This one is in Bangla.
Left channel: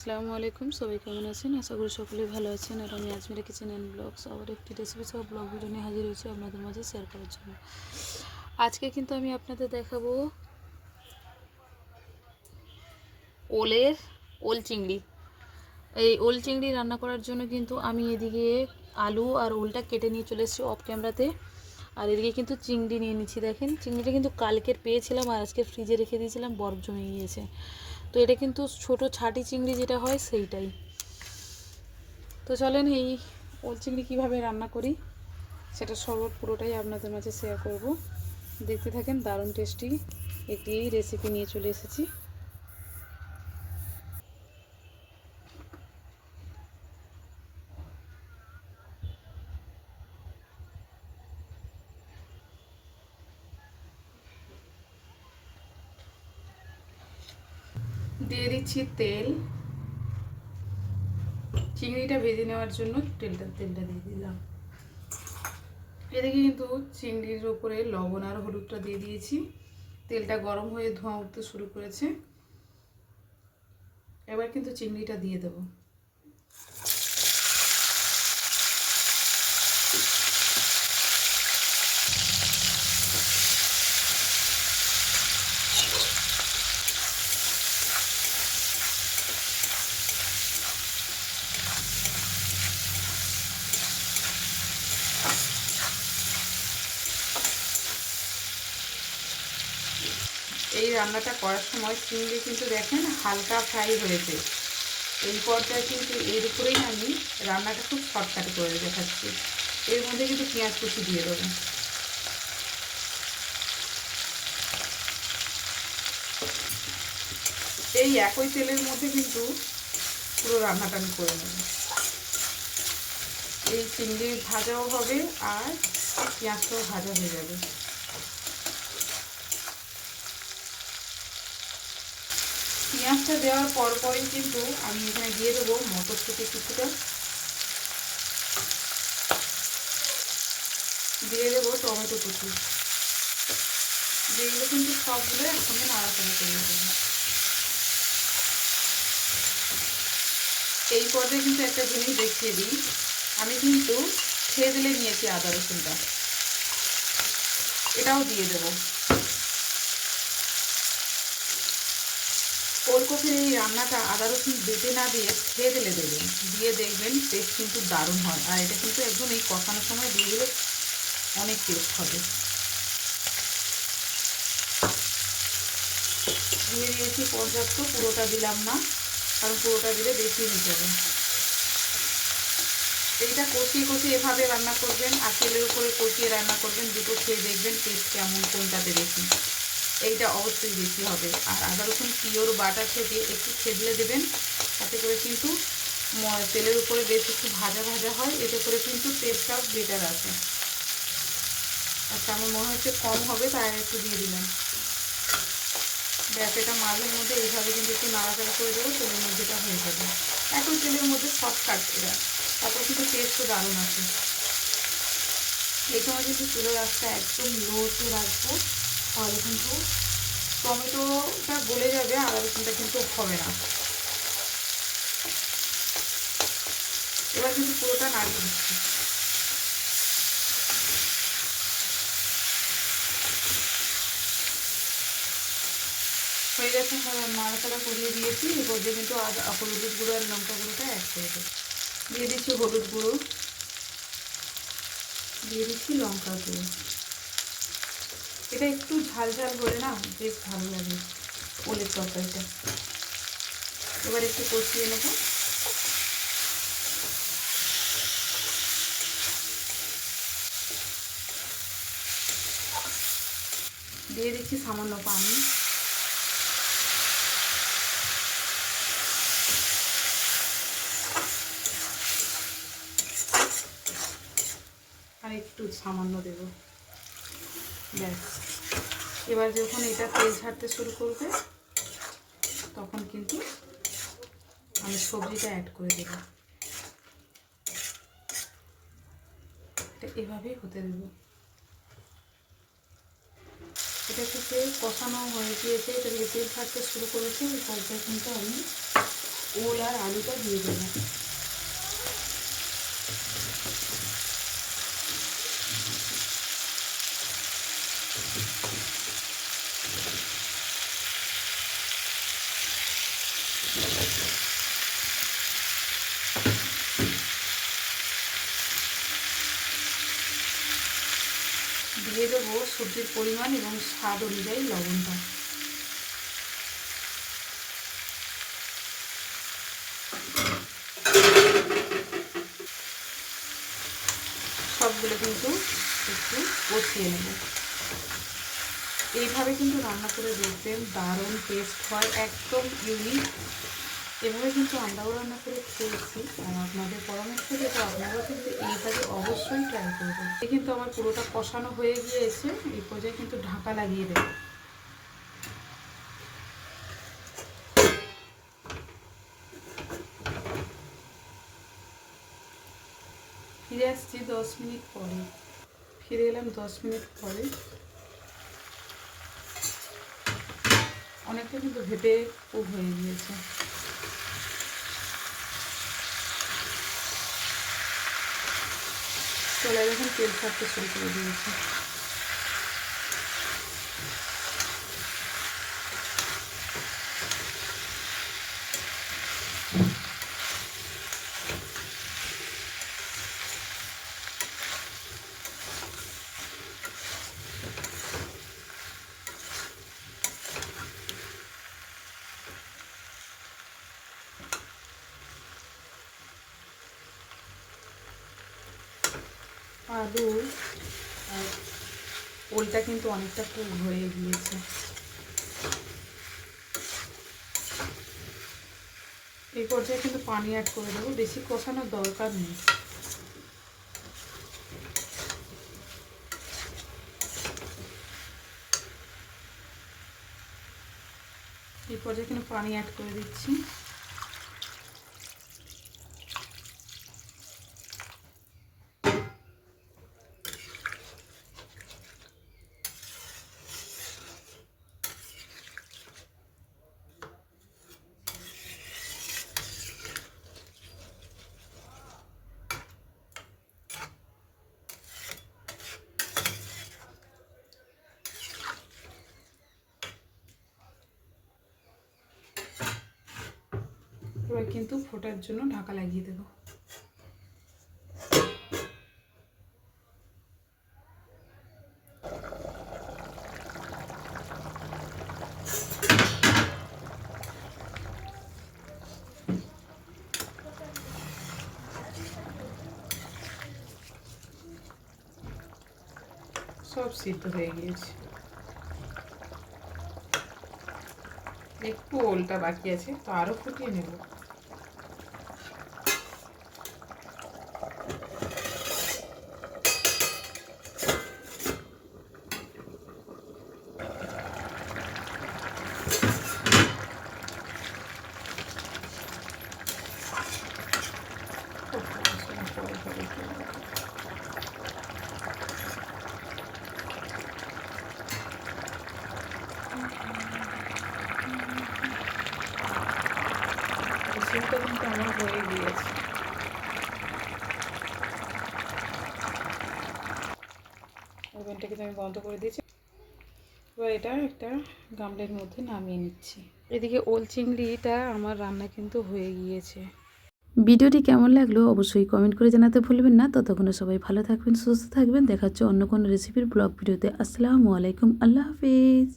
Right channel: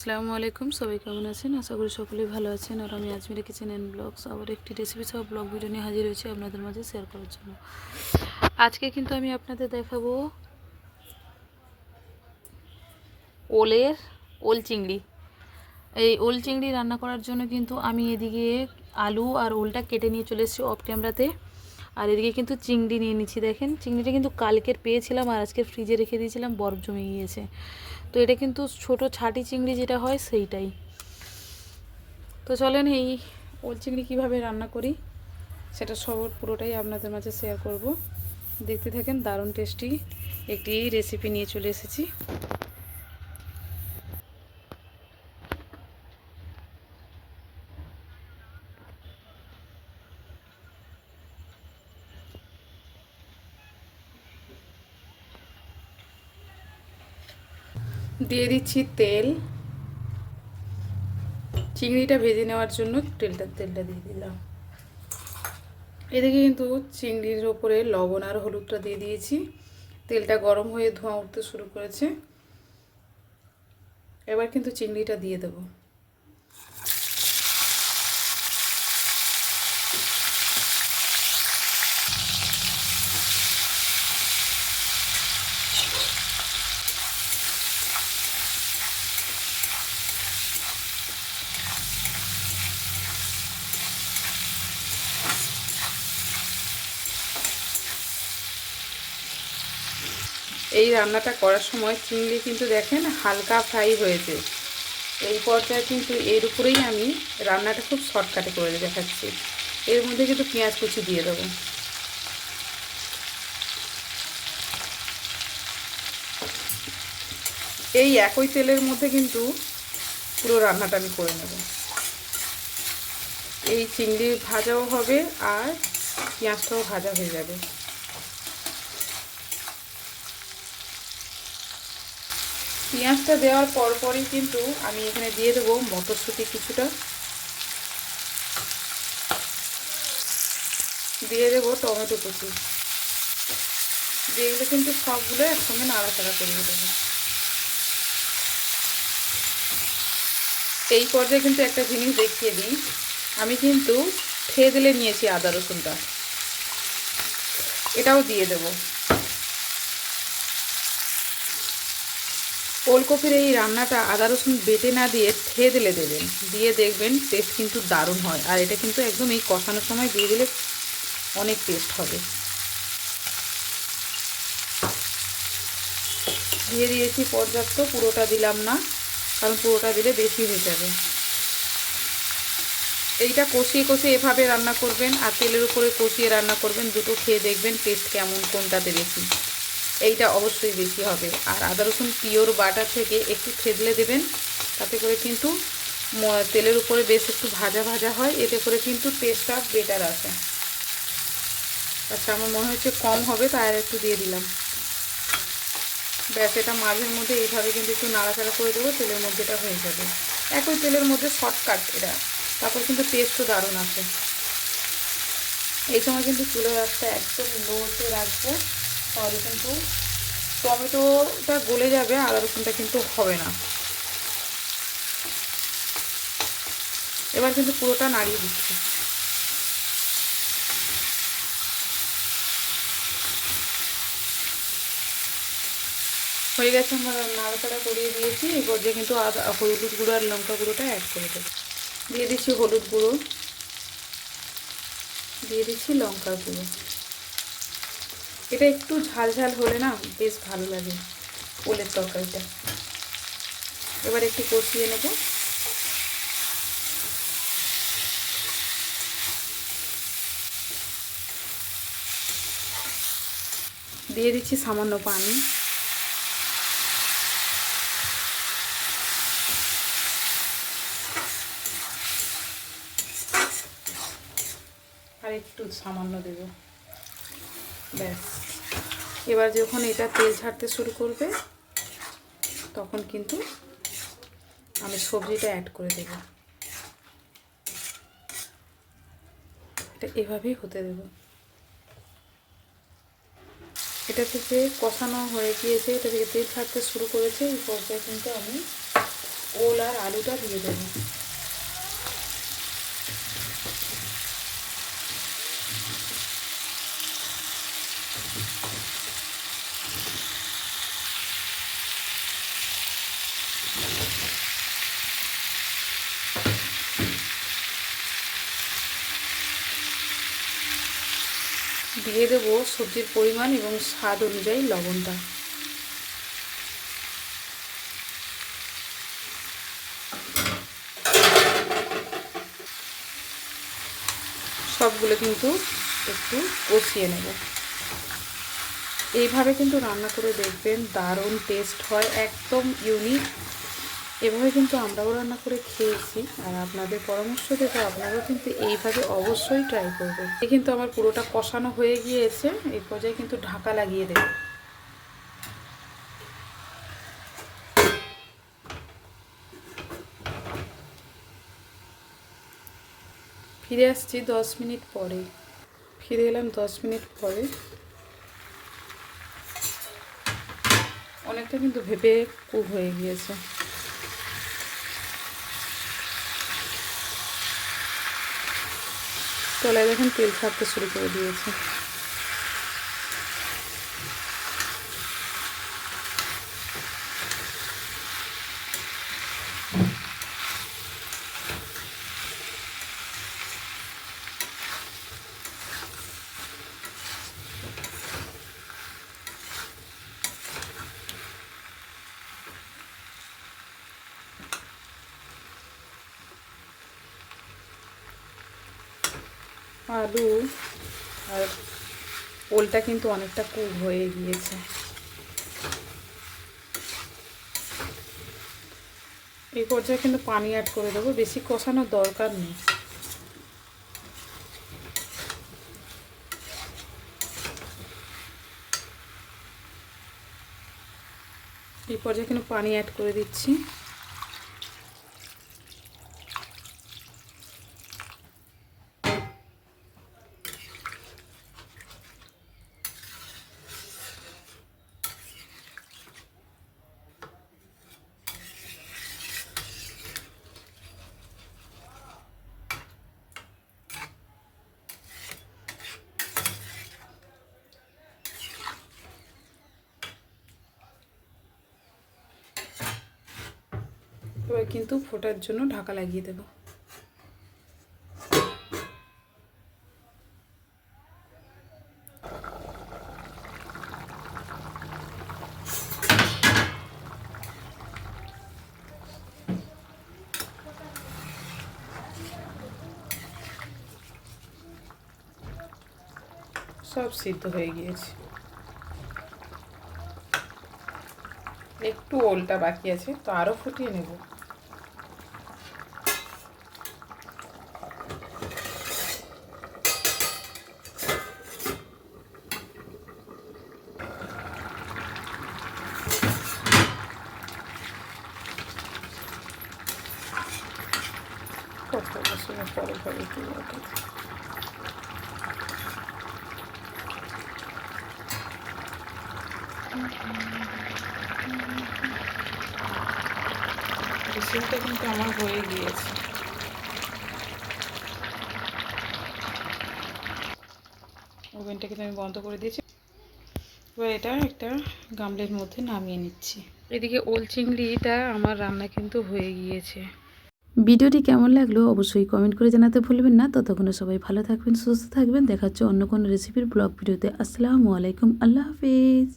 আসসালামু আলাইকুম, সবাই কেমন আছেন? আশা করি সকলেই ভালো আছেন। আর আমি আজমিরা কিচেন অ্যান্ড ব্লগস আবার একটি রেসিপি সহ ব্লগ ভিডিও নিয়ে হাজির হয়েছি আপনাদের মাঝে শেয়ার করার জন্য। আজকে কিন্তু আমি আপনাদের দেখাবো ওলের ওল চিংড়ি। এই ওল চিংড়ি রান্না করার জন্য কিন্তু আমি এদিকে আলু আর ওলটা কেটে নিয়ে চলে এসেছি অফ ক্যামেরাতে আর এদিকে কিন্তু চিংড়ি নিয়ে নিচ্ছি, দেখেন। চিংড়িটা কিন্তু কালকের পেয়েছিলাম আর আজকে ফ্রিজে রেখে দিয়েছিলাম, বরফ জমে গিয়েছে। তো এটা কিন্তু ছোট ছাটি চিংড়ি যেটা হয় সেইটাই। তো চলেন এই ওল চিংড়ি কীভাবে রান্না করি, সেটা সব পুরোটাই আপনাদের মাঝে শেয়ার করব। দেখতে থাকেন দারুণ টেস্টি একটি রেসিপি নিয়ে চলে এসেছি। দিয়ে দিচ্ছি তেল। চিংড়িটা ভেজে নেওয়ার জন্য তেলটা তেলটা দিয়ে দিলাম। এদিকে কিন্তু চিংড়ির ওপরে লবণ আর হলুদটা দিয়ে দিয়েছি। তেলটা গরম হয়ে ধোঁয়া উঠতে শুরু করেছে। এবার কিন্তু চিংড়িটা দিয়ে দেবো। এই রান্নাটা করার সময় চিংড়ি কিন্তু দেখেন হালকা ফ্রাই হয়েছে। এই পর্যায়ে কিন্তু এর উপরেই আমি রান্নাটা খুব শর্টকাটে করে দেখাচ্ছি। এর মধ্যে কিন্তু পেঁয়াজ কুচি দিয়ে দেবো। এই একই তেলের মধ্যে কিন্তু পুরো রান্নাটা আমি করে নেব। এই চিংড়ি ভাজাও হবে আর পেঁয়াজটাও ভাজা হয়ে যাবে। পেঁয়াজটা দেওয়ার পরপরই কিন্তু আমি এখানে দিয়ে দেবো মটরশুঁটি কিছুটা। দিয়ে দেবো টমেটো কুচি। যেগুলো কিন্তু সবগুলো একসঙ্গে নাড়াচাড়া করে দেবো এই পর্যায়ে কিন্তু একটা জিনিস দেখিয়ে দিই। আমি কিন্তু থেদলে নিয়েছি আদা রসুনটা। এটাও দিয়ে দেবো। ওলকপির এই রান্নাটা আদা রসুন বেটে না দিয়ে খেয়ে দিলে দেবেন। দিয়ে দেখবেন টেস্ট কিন্তু দারুণ হয়। আর এটা কিন্তু একদম এই কষানোর সময় দিয়ে দিলে অনেক টেস্ট হবে। দিয়ে দিয়েছি পর্যাপ্ত, পুরোটা দিলাম না, কারণ পুরোটা দিলে বেশি হয়ে যাবে। এইটা কষিয়ে কষিয়ে এভাবে রান্না করবেন, আর তেলের উপরে কষিয়ে রান্না করবেন, দুটো খেয়ে দেখবেন টেস্ট কেমন, কোনটাতে বেশি। এইটা অবশ্যই বেশি হবে। আর আদা রসুন পিওর বাটা থেকে একটু থেদলে দেবেন। তাতে করে কিন্তু তেলের উপরে বেশ একটু ভাজা ভাজা হয়। এতে করে কিন্তু টেস্টটা বেটার আসে। আচ্ছা আমার মনে হচ্ছে কম হবে তাই আর একটু দিয়ে দিলাম। ব্যাস এটা মাঝের মধ্যে এইভাবে কিন্তু একটু নাড়াচাড়া করে দেবো তেলের মধ্যেটা হয়ে যাবে। একই তেলের মধ্যে শর্টকাট এটা। তারপর কিন্তু টেস্টও দারুণ আসে। এই সময় কিন্তু চুলের রাস্তা একদম লোতে রাখব তাহলে কিন্তু টমেটোটা গলে যাবে আদা রসুনটা কিন্তু হবে না। এবার কিন্তু পুরোটা নাড়িয়ে দিচ্ছি। হয়ে গেছে আমরা নাড়াচাড়া করিয়ে দিয়েছি এবার কিন্তু আদা হলুদ গুঁড়ো আর লঙ্কা গুঁড়োটা অ্যাড করে দেবো। দিয়ে দিচ্ছি হলুদ গুঁড়ো। দিয়ে দিচ্ছি লঙ্কা গুঁড়ো। এটা একটু ঝাল ঝাল হলে না বেশ ভালো লাগে ওলের তরকারিটা। এবার একটু কষিয়ে নেব। দিয়ে দিচ্ছি সামান্য পানি। আর একটু সামান্য দেবো। এবার যখন এটা তেল ছাড়তে শুরু করবে, তখন কিন্তু আমি সবজিটা অ্যাড করে দেব। এটা এভাবেই হতে দেব। এটা থেকে কষানো হয়ে গিয়েছে, এটা থেকে তেল ছাড়তে শুরু করেছে, এই পর্যায়ে কিন্তু আমি ওল আর আলুটা দিয়ে দেবো। দিয়ে দেবো সবজির পরিমাণ এবং স্বাদ অনুযায়ী লবণটা। সবগুলো কিন্তু একটু কষিয়ে নেব। এইভাবে কিন্তু রান্না করে দেখবেন দারুণ টেস্ট হয়, একদম ইউনিক এভাবে কিন্তু আমরাও রান্না করে খেয়েছি। আর আপনাদের পরামর্শ থেকে আপনারাও কিন্তু এইভাবে অবশ্যই ট্রাই করবেন। এই কিন্তু আমার পুরোটা কষানো হয়ে গিয়েছে। এই পর্যায়ে কিন্তু ঢাকা লাগিয়ে দেব। ফিরে আসছি দশ মিনিট পরে। ফিরে এলাম দশ মিনিট পরে। অনেকটা কিন্তু ভেবে কুক হয়ে গিয়েছে। তলায় দেখুন তেল ছাড়তে শুরু করে দিয়েছে। আলু আর ওলটা কিন্তু অনেকটা কুক হয়ে গিয়েছে। এই পর্যায়ে কিন্তু পানি অ্যাড করে দেবো, বেশি কষানোর দরকার নেই। এই পর্যায়ে কিন্তু পানি অ্যাড করে দিচ্ছি। এবার কিন্তু ফোটার জন্য ঢাকা লাগিয়ে দেবো। সব সিদ্ধ হয়ে গিয়েছে। একটু ওলটা বাকি আছে, তো আরও ফুটিয়ে নেব। রেসিপিটা কিন্তু আমার হয়ে গিয়েছে। ওভেনটাকে তো আমি বন্ধ করে দিয়েছি। এবার এটা একটা গামলের মধ্যে নামিয়ে নিচ্ছি। এদিকে ওল চিংড়িটা আমার রান্না কিন্তু হয়ে গিয়েছে। ভিডিওটি কেমন লাগল অবশ্যই কমেন্ট করে জানাতে ভুলবেন না। ততক্ষণে সবাই ভালো থাকবেন সুস্থ থাকবেন। দেখা হচ্ছে অন্য কোনো রেসিপির ব্লগ ভিডিওতে। আসসালামু আলাইকুম আল্লাহ হাফিজ।